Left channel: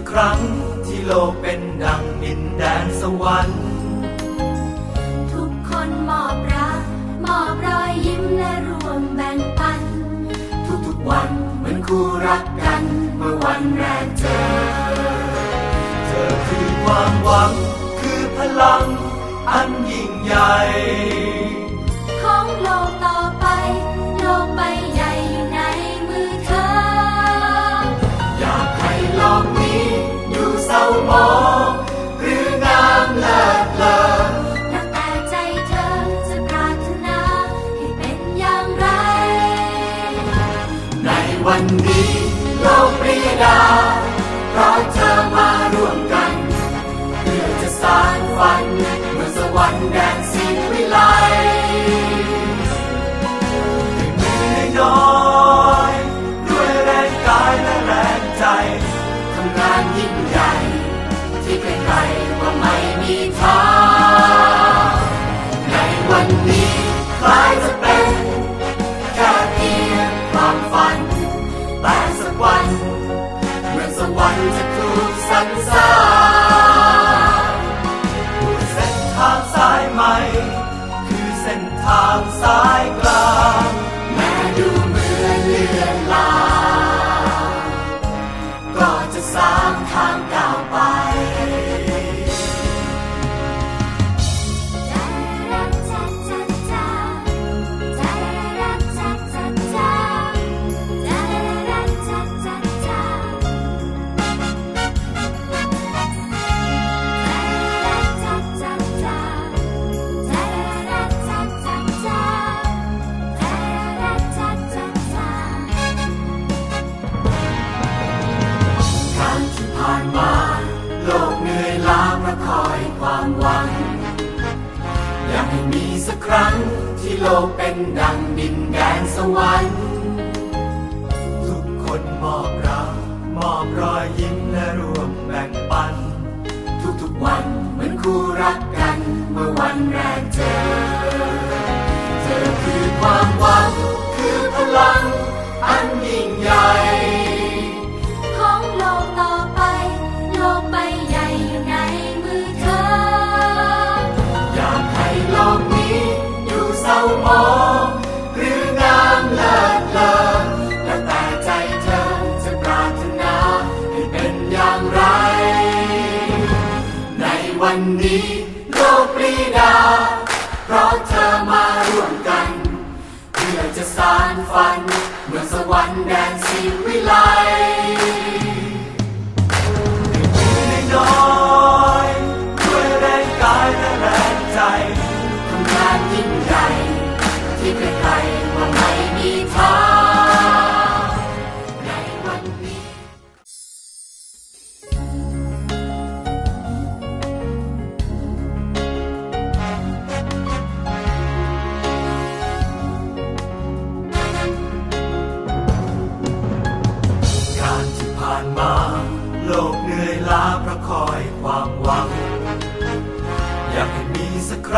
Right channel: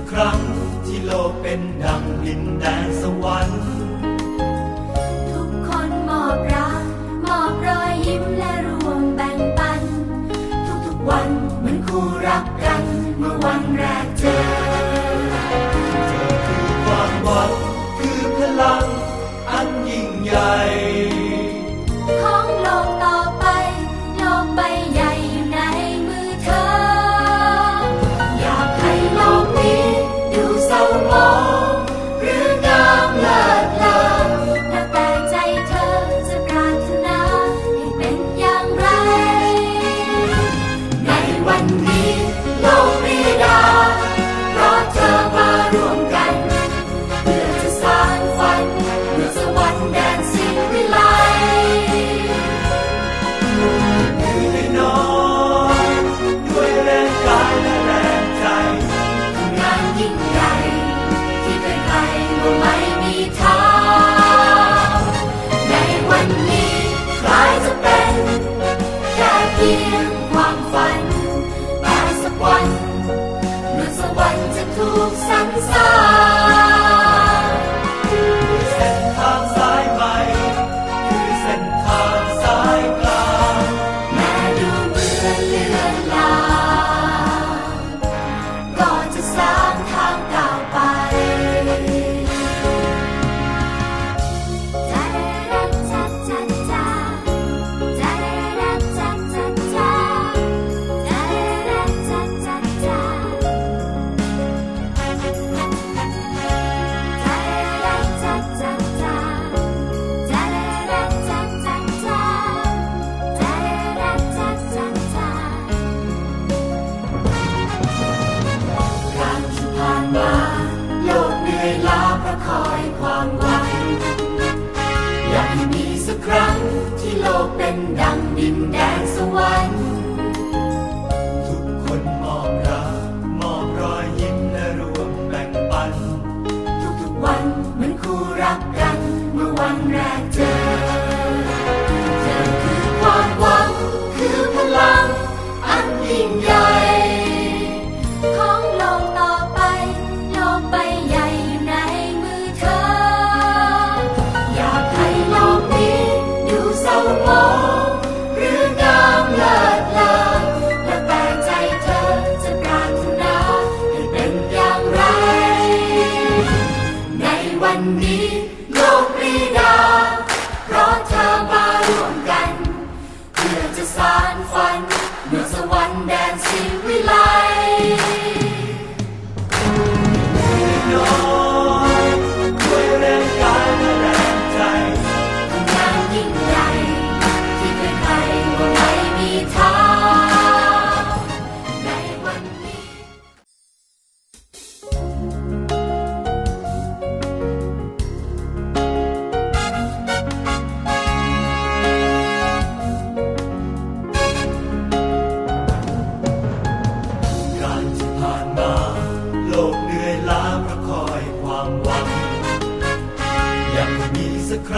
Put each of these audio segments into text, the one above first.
กครั้งที่โลกเป็นดังดินแดนสวรรค์ทุกคนมอบรักมอบรอยยิ้มและรวมแบ่งปัน ทุกๆวันเหมือนคู่รักกันเมื่อวันแรกเจอเธอคือความหวังคือพลังอันยิ่งใหญ่ ดินแดนสวรรค์ เพื่อจะสานฝัน เมืองสวรรค์แดนสีวิไล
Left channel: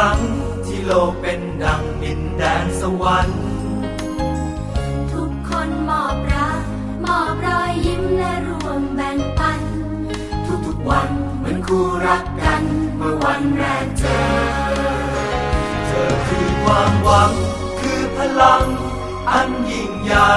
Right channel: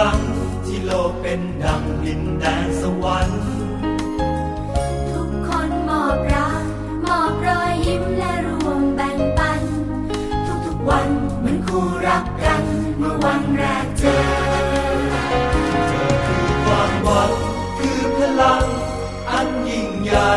ั้งที่โลกเป็นดังดินแดนสวรรค์ ทุกคนมอบรักมอบรอยยิ้มและรวมแบ่งปัน ทุกๆวันเหมือนคู่รักกันเมื่อวันแรกเจอ เธอคือความหวังคือพลังอันยิ่งใหญ่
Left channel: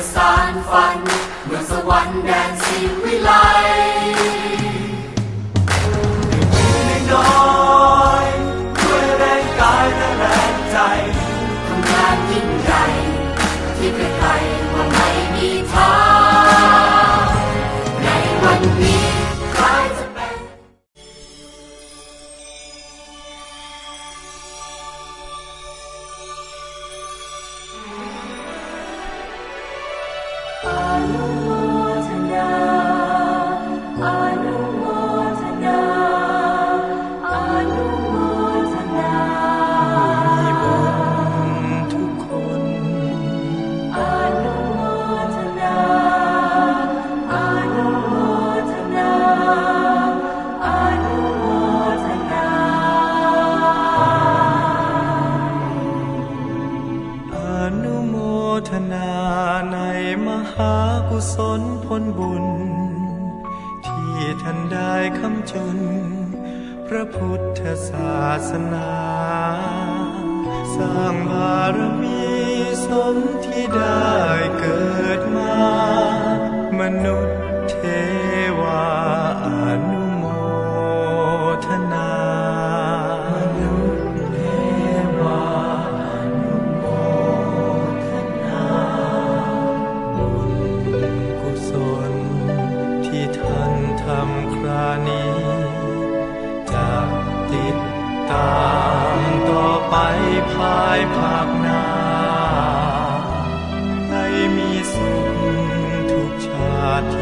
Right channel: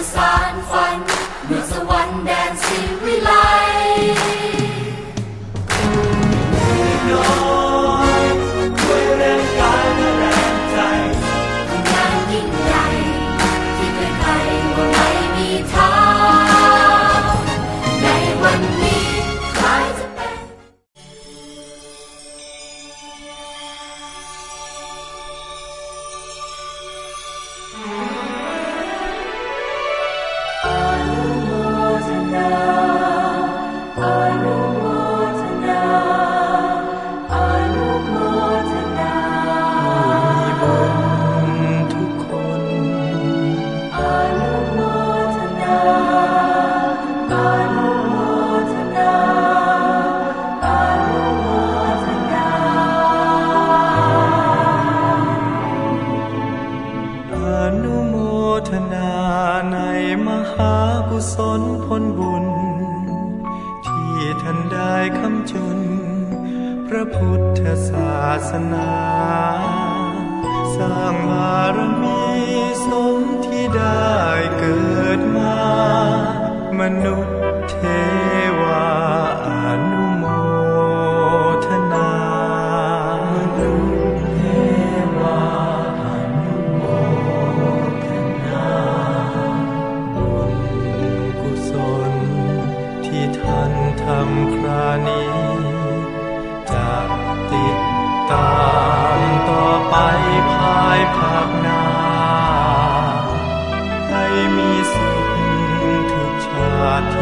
decide. ท่านได้คำจุน พระพุทธศาสนา สร้างบารมีสมที่ได้เกิดมา มนุษย์เทวาอนุโมทนา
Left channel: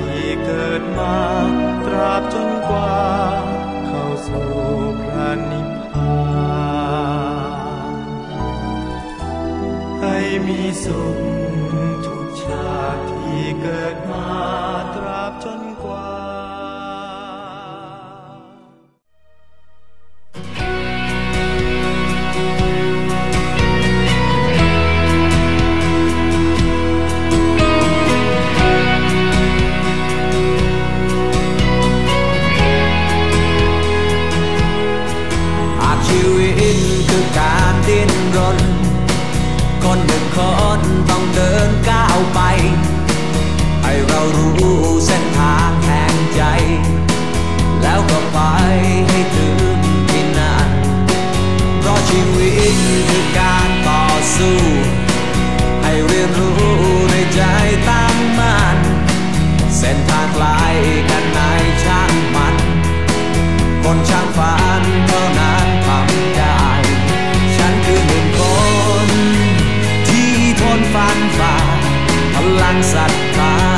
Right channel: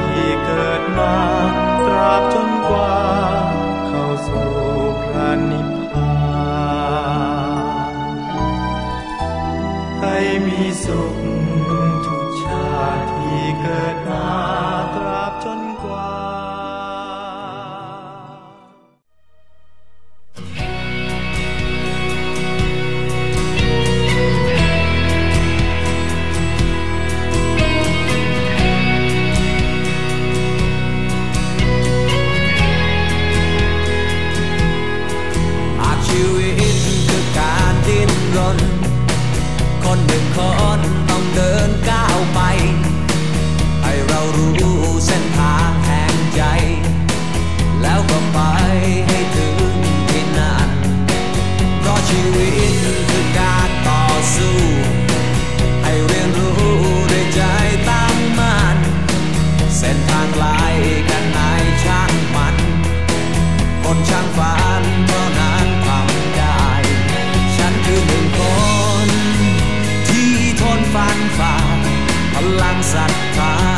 ที่เกิดมาตราบจนกว่า เข้าสู่พระนิพพานให้มีสุขทุกชาติที่เกิดมาตราบจนกว่า ให้เรารู้เส้นทางแห่งใจ แล้วก็ไปให้ถึงที่นั่นเพราะชีวิตคือการต่อสู้ ให้เรียนรู้ด้ใจตั้งมั่นเส้นทางไกลกันไหนช่างมัน คนช่างฝันเท่านั้นทำได้ ฉันคือหนึ่งคน ที่ทนฟันฝ่าพลังศรัทธา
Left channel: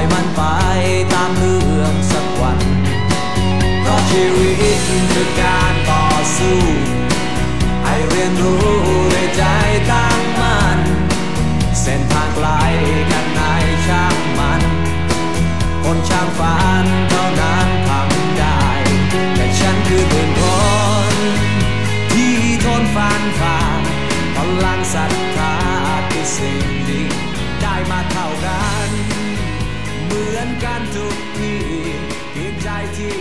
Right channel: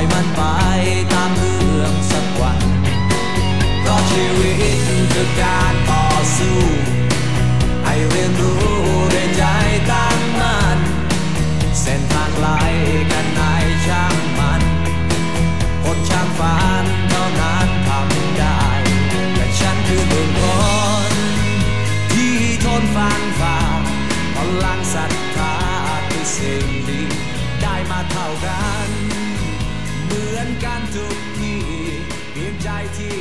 อยมันไปตามเพื่อสักวัน เพราะชีวิตคือการต่อสู้ ให้เรียนรู้ด้ใจตั้งมัน่นเส้นทางไกลกันไหนช่างมัน คนช่างฝันเท่านั้นทำได้ แต่ฉันคือเนึ่นคน ที่ทนฟันฝ่าพลังศรัทธาคือสิ่งดี ได้มาเท่ากัน กันทุกที่เพียงใจที่